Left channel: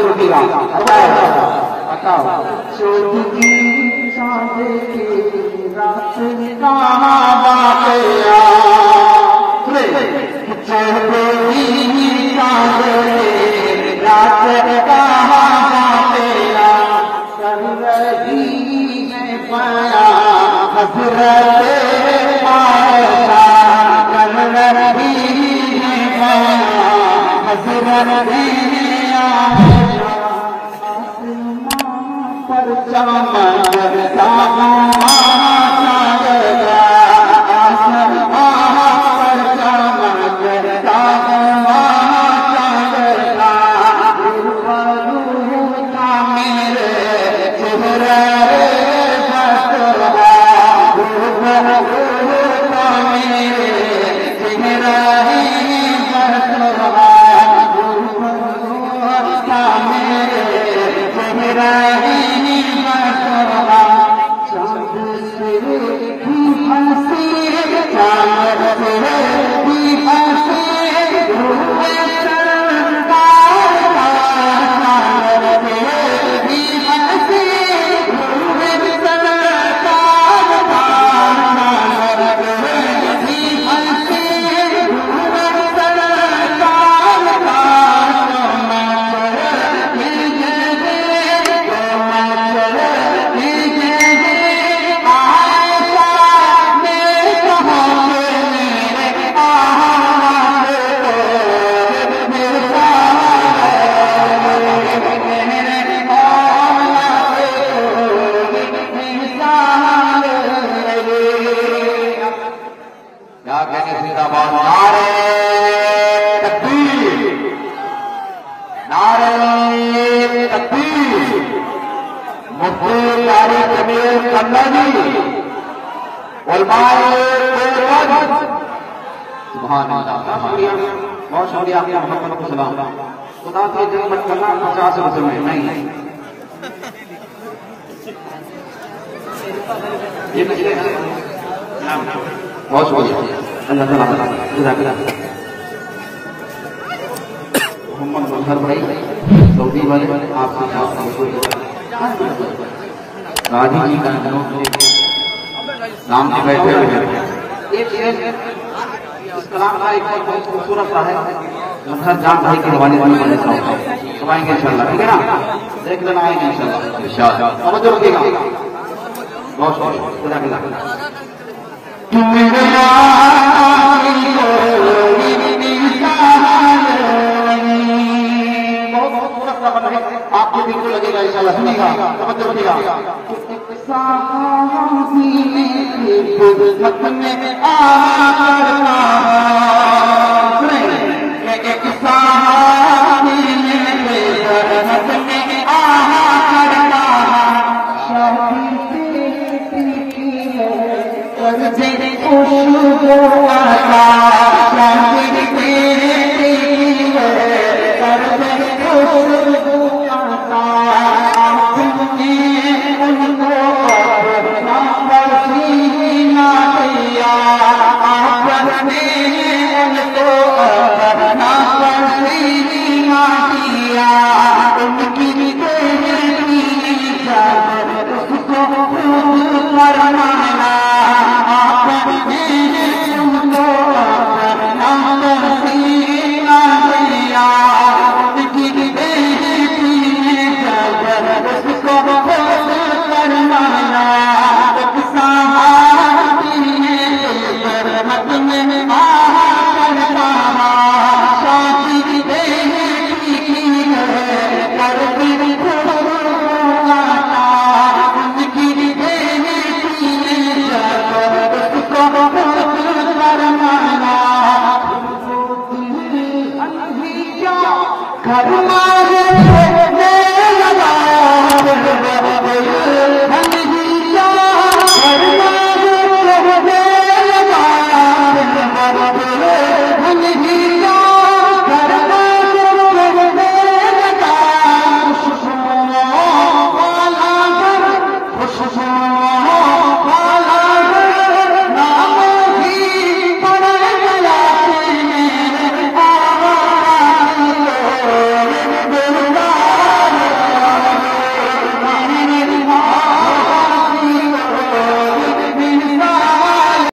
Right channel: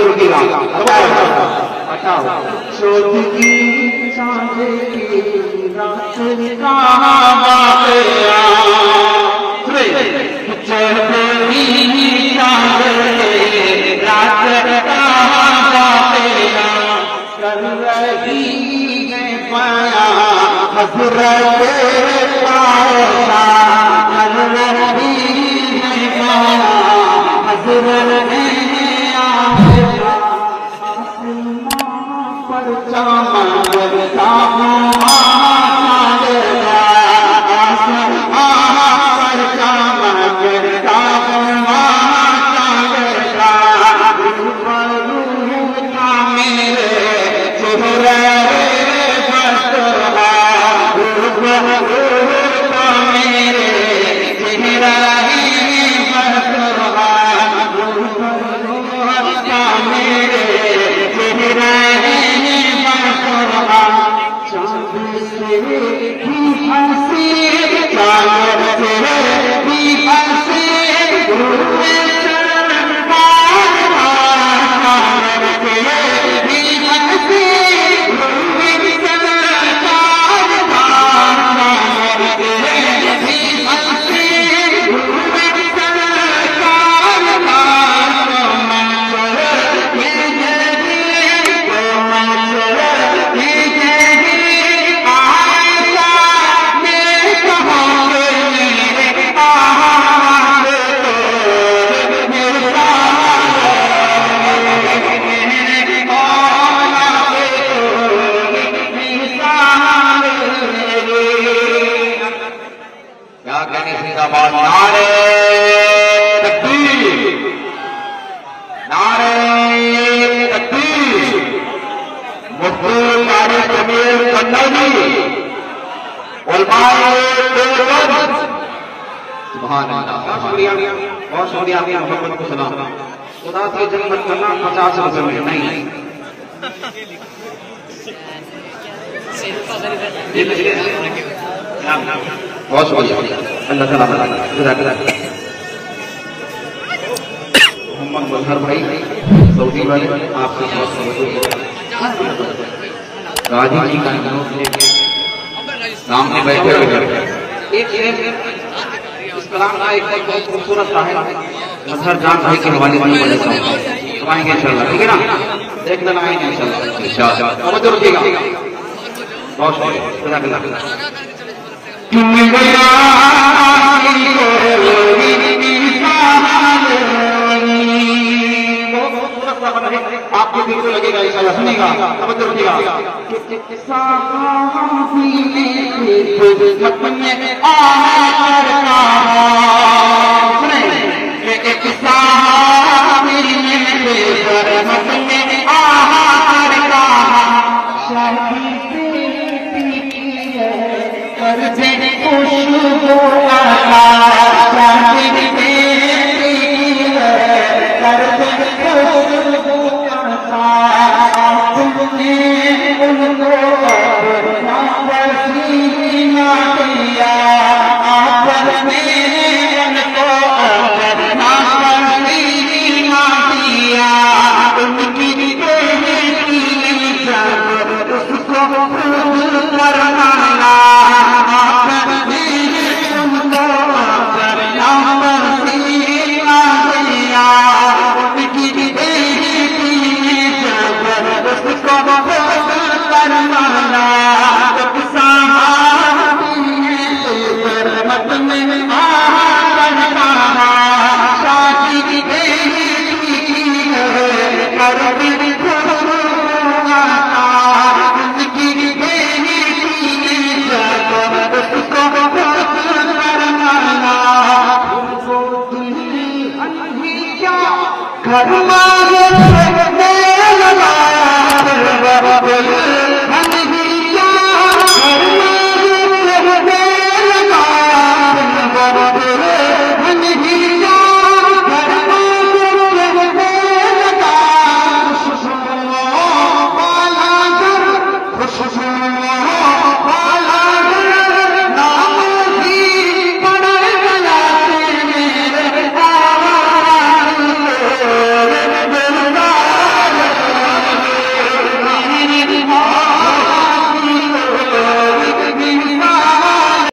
रुकेगा चौथ की चांद की रात कहाँ गया चढ़ती चांद की रात कहाँ गया कर रही है पाया हजरत आयशा कर रही है पाया हजरत आयशा पर चमकता बहुत शुक्रिया आपकी मोहब्बत को सलाम खुदा से जन्नत करना 50 रुपए में नहीं बहुत शुक्रिया अल्लाह ताला मोहम्मद मजहर भाई सऊदी वाले आपके गाजी जी का सामने बैठे हुए इस कलाम का एक बहुत खूबसूरत सा है मजहर जान भाई के हवाले वाले करवाएंगे इंशाल्लाह ठीक है ना देख लेना आएंगे इंशाल्लाह अब तो रुकेगा बहुत शुक्रिया आपको बिल्कुल लगेगा इंशाल्लाह सुनेगा अब तो रुकेगा